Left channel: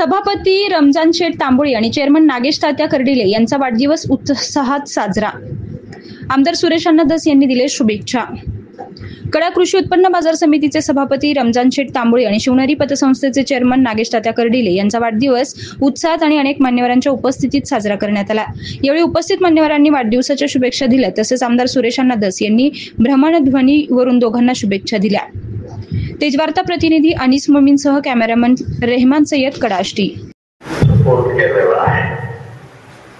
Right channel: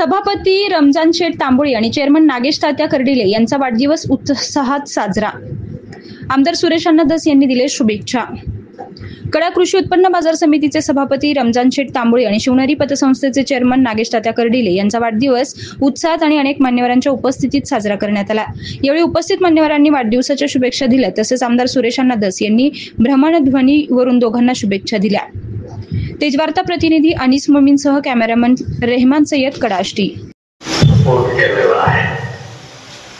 सभापती रमजान शेठ तांबोळी आणि चेअरमन नागेश तात्या कर्डिले यांचा वाढदिवस उत्साहात साजरा. आमदार सुरेश अण्णा धस यांनी दिले शुभेच्छा. कडा कृषी उत्पन्न बाजार समितीचे सभापती रमजान शेठ तांबोळी आणि शिवनेरी पतसंस्थेचे चेअरमन नागेश तात्या कर्डिले यांचा वाढदिवस उत्साहात आणि अनेक मान्यवरांच्या उपस्थितीत साजरा करण्यात आला. यावेळी उपस्थित मान्यवरांनी वाढदिवसाच्या शुभेच्छा दिल्या. तसेच आमदार सुरेश अण्णा धस यांनी भ्रमणध्वनीवरून दोघांना शुभेच्छा दिल्या. तेजवार्ता प्रतिनिधी अनिस मोमीनसह कॅमेरामन रेहमान सय्यद, कडा आष्टी.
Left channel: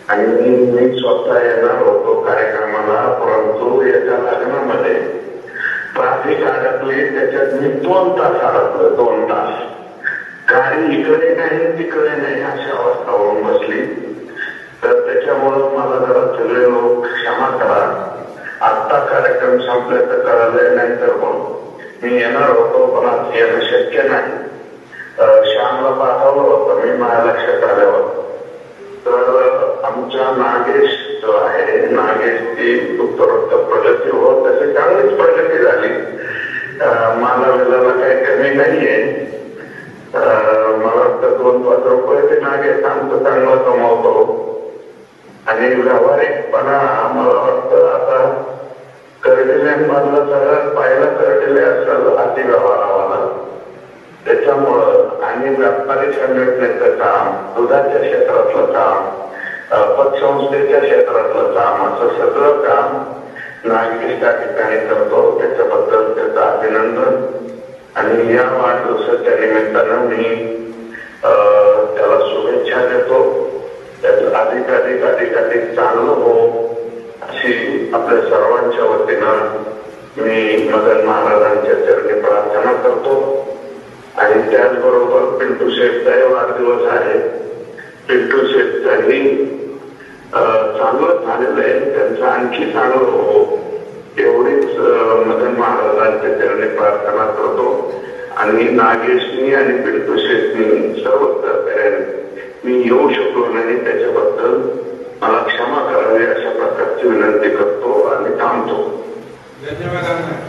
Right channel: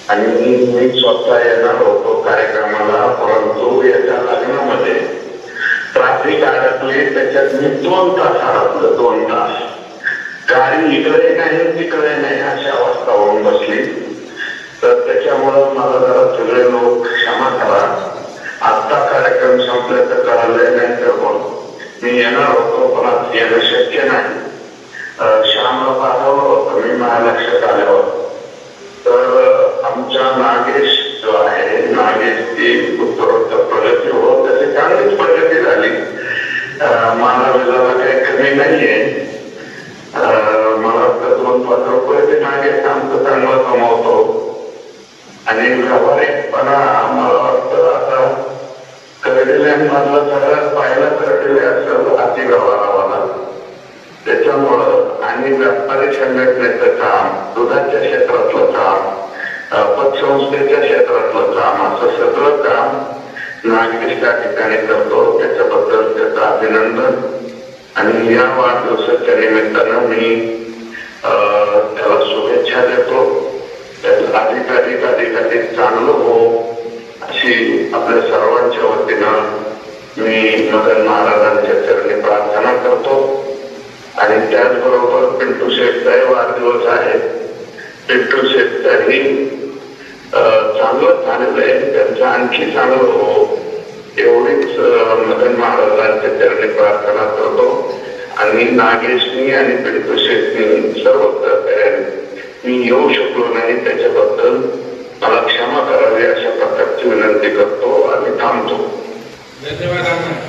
आणि मी स्वतः येणार होतो कार्यक्रमाला, परंतु याच्या लग्नामध्ये ट्रॅफिक अडकले. त्याच्यात मी 2 तास अडकलो. 2 तास गाडी इकडे नाही तिकडे नाही अशी अवस्था होऊन बसली. तर त्याच्यामुळं मला जरा सगळे लोक क्षमा करा. आता कार्यक्रम संपल्याचं कळालं नाही तर मी येणार होतो, पण आज येणं शक्य नाही. श्यामला पाठवलं होतं मी, माझ्या लक्षात आल्यावर. तर आमच्या नागेश जो आहे, नागेशची उत्तरोत्तर प्रगती होत त्याची चांगलीच प्रगती झाली. मला वेळेला काही कमी नाहीये. मला वाटतं 2-5 रुपये ते नागेश आमचं चांगलं कमावतो. आणि व्यावहारिकपणा मला वाटतं आता कर्डिल्यांमधलं सगळं पाहिलं कर्डिले असेल अति व्यवहारावाला. त्याच्यामुळं आणि व्यापारी संघटनेचं काम, दुधाच्या क्षेत्रातलं काम, पतसंस्थेच्या क्षेत्रातलं काम, असं सगळं काम नागेश त्या ठिकाणी करतो. त्याच्याबद्दल त्याचं अभिनंदन. आणि या वाढदिवसाच्या निमित्तानं मी त्याला शुभेच्छा देतो. अधिकाधिक चांगलं हो अशी आपल्या सर्वांच्या वतीनं मी मदन महाराजांच्या चरणी प्रार्थना करतो. आणि त्याचबरोबर पिंटू शेठचाही वाढदिवस आहे. पिंटू शेठच्याही चांगलं झालेलं आहे, त्यांचं आणखी चांगलं हो एवढीच मदन महाराजांच्या चरणी प्रार्थना करतो. आणि नागेशनी आणि पिंटू शेठनी सर्व मी येऊ शकलो नाही, त्याच्याबद्दल मला क्षमा करावी अशा प्रकारची विनंती करतो आणि थांबतो. धन्यवाद.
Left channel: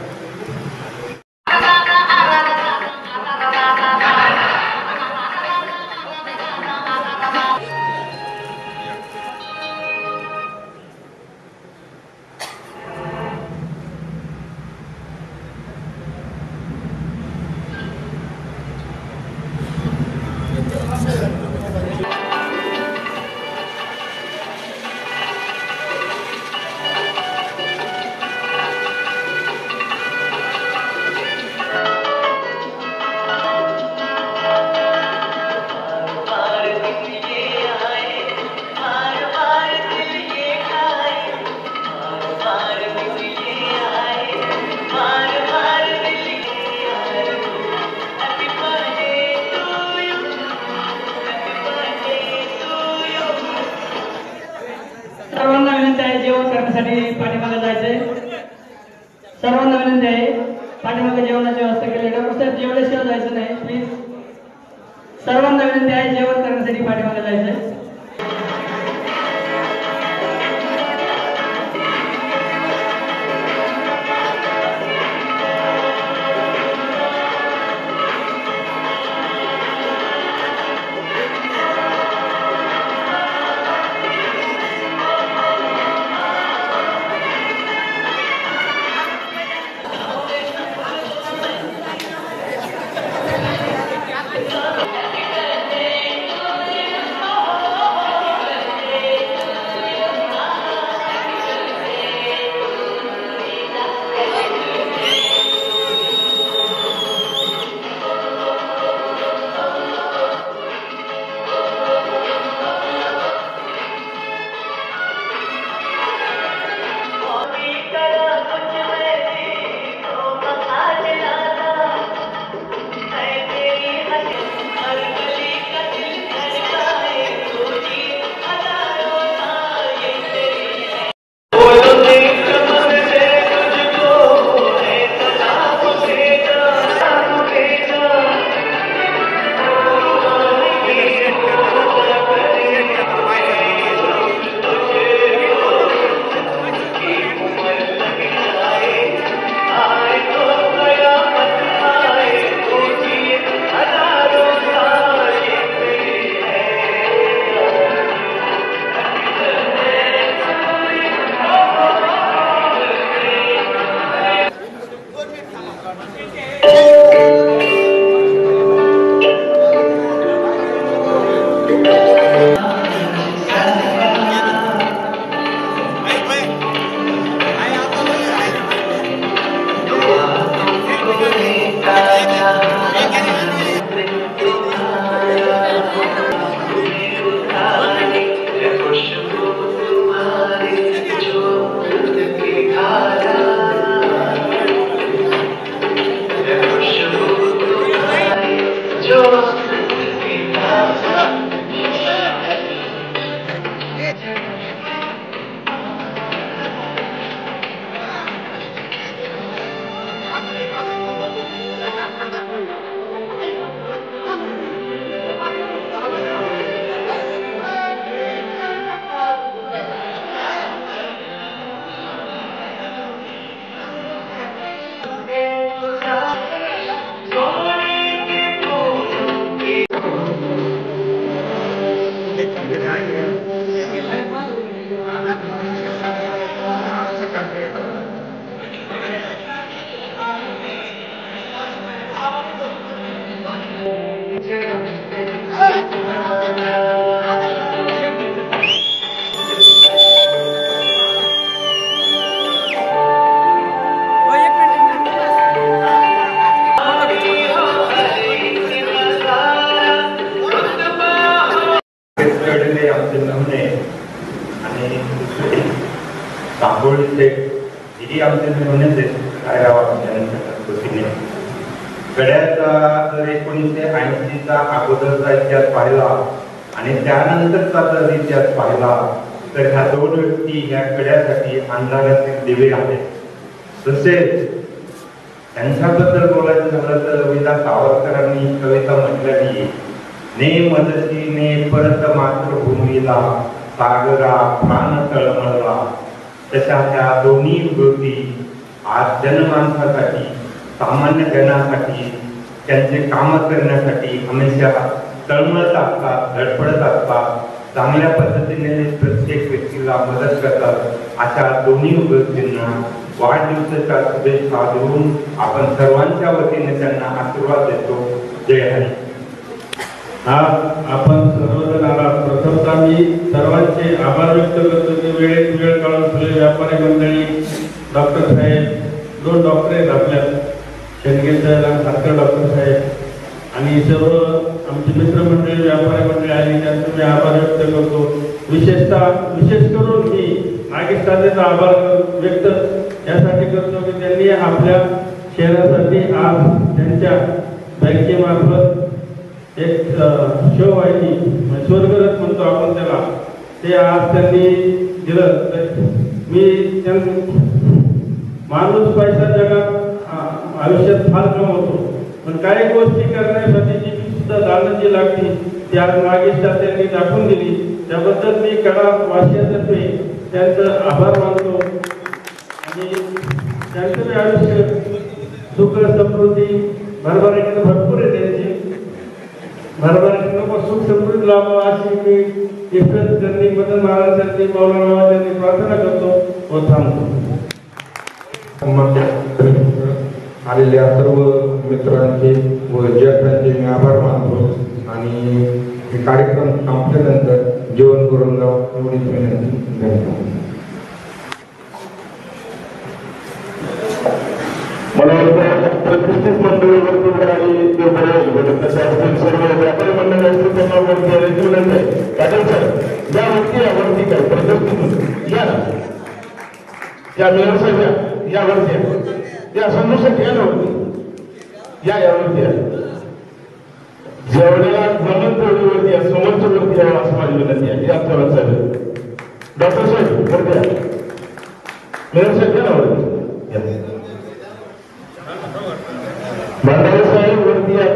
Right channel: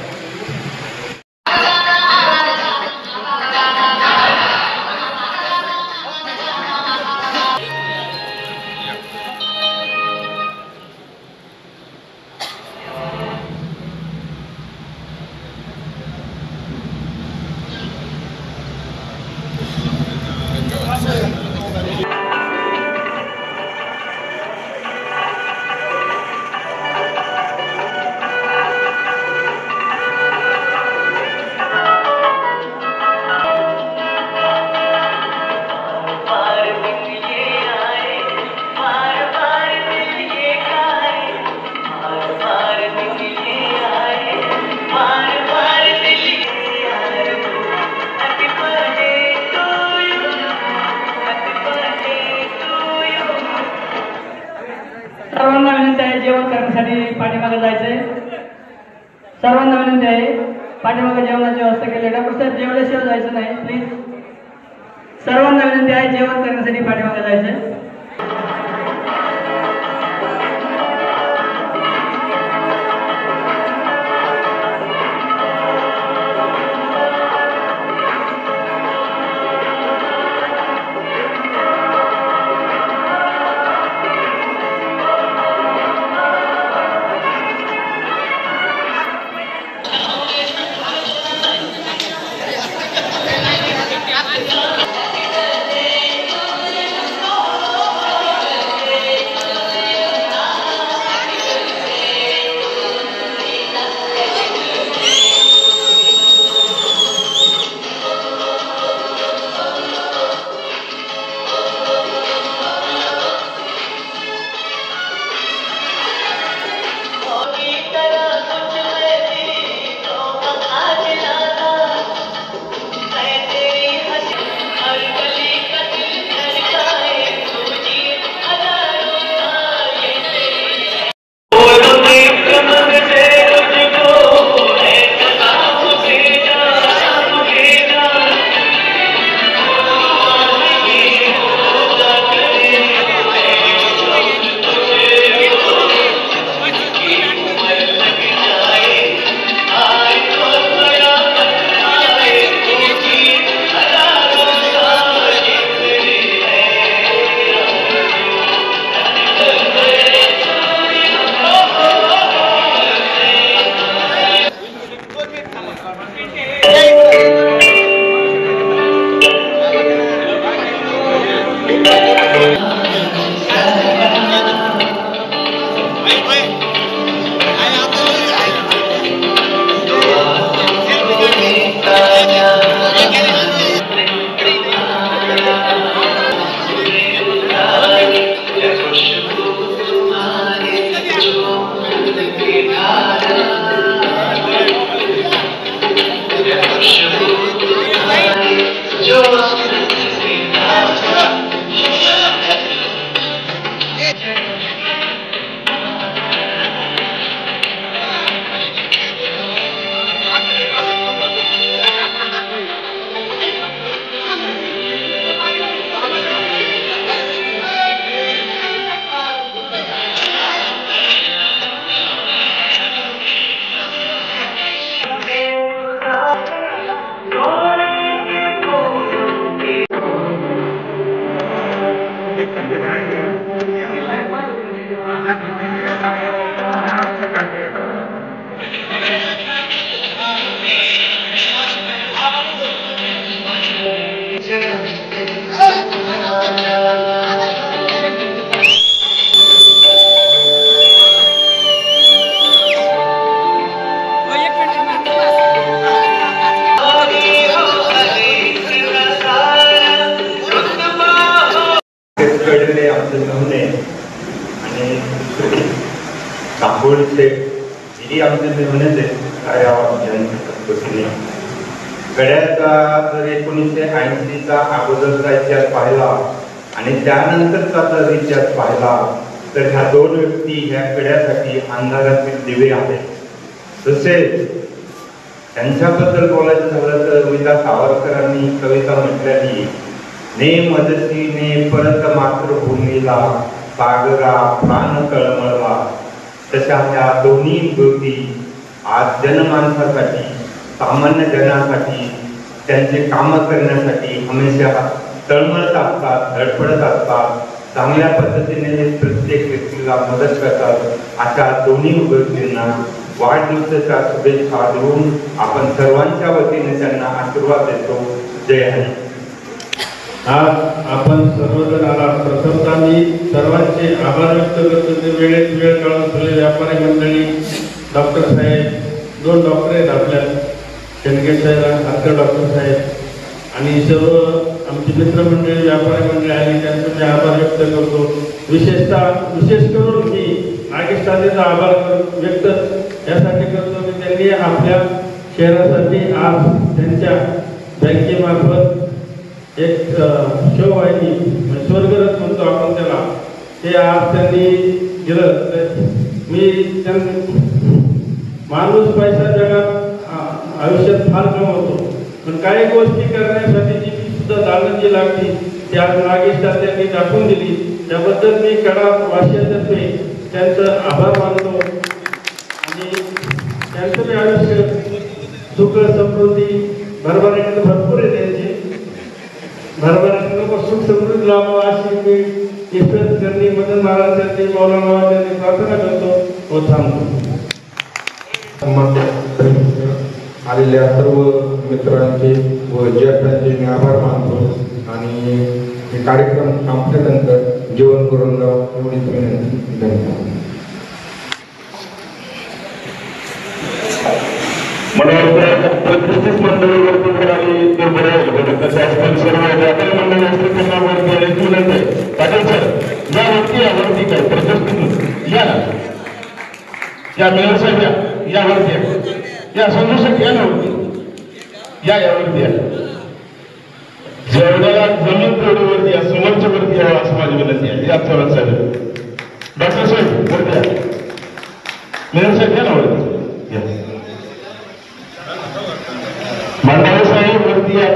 सर्वांना विनंती आहे जेवण करण्यासाठी पाठीमागे जायचंय. सर्वांना विनंती आहे पाठीमागे जेवणाची व्यवस्था केली. डॉक्टर साहेब जेवल्याशिवाय जायचं नाही प्लीज. सर्वांना विनंती आहे जेवण करण्यासाठी पाठीमागे जायचंय. गड्याचा 1980चा अगोदरचा इतिहास पाहिला आणि त्यानंतरचा जर इतिहास पाहिला तर ह्या दोन व्यक्ती ह्या खेड्यासाठी अंधारातील दिवे आहेत. तसेच त्यांच्याबद्दल बोलायचं झालं तर कविता सावरकरांनी कविता म्हटलेली, ने मदतीने परत मातृभूमीला सागरा प्राण तळमळला. तशा त्या दोन्ही ज्योती आज जनमानसासाठी सामान्य जनासाठी त्यांचे काम करण्यासाठी हमेशा तळमळत असतात, धडपडत असतात. चांगल्या पद्धतीने ते प्रत्येक व्यक्तीला मदत करतात. अशा दोन्ही गोष्टींना वाढदिवसाच्या शुभेच्छा देऊन आपण सर्वांच्या वतीने त्यांना आशीर्वाद देतो. जय हिंद. आपण सर्वजण आलात. प्रथमतः मी सर्वांचे आभार व्यक्त करतो. वेळेत वेळ काढून आपल्या व्यापारी मंडळी, डॉक्टर साहेब, 2 डॉक्टरे घातल्या, शेंडगे साहेब आणि डॉक्टर साहेब आणि सर्व आमची मित्रमंडळी, व्यापारी मंडळी आली, त्यांचे मी आभार व्यक्त करतो. विशेष करून मी नागेश तात्याचा आभार व्यक्त यासाठी करतो की त्यांनी आपल्या शहरासाठी आज त्यांच्या बँकेमार्फत एक शिववाहिनी स्वर्गरथ म्हणतो आपण त्याला, ते आज त्यांनी दिलं. मी त्यांना माणूस पैसा जगात आयुष्यात फार कमवतो, पण काही गोष्टी करण्यासाठी जी सुद्धा दालन जी लागली ती आज नागेश तात्यांनी दाखवून दिली. त्याबद्दल मी कडा वासियांतर्फे त्यांचं आभार मानतो आणि त्यांचं आयुष्य सुख समृद्धी भरभराटीनं भरपूर आहे. त्यांची भरभराटीनं सुख समृद्धी लाभावं अशी मी ईश्वर त्यांनी मदन महाराज त्यांनी मौलाना त्यांनी प्रार्थना करतो व थांबतो. आलेल्या सर्व मित्रांचे व ज्येष्ठांचे मी आभार मानतो आणि हे कार्यक्रम संपल्यानंतर जेवण करून एवढीच विनंती. मला प्रतिष्ठित मंडळी वरती करावी ते बरोबर होतं. तसे असतील सर्व व्यापारी मंडळी असतील त्यांना वरती आणि बोलत आहे. पाटील सर या वरती यावरती काय प्रतिष्ठित या मेयर साहेब यावरती या संदर्शक या वरती यावरती जेवढ्याला जमीन तोडीवरती या समोरच्या वरती यावं असं माझी विनंती आहे. या चव्हाण साहेब, डॉक्टर साहेब वरती या, मेयर साहेब या ना वरती, मंडळी साहेब वरती या.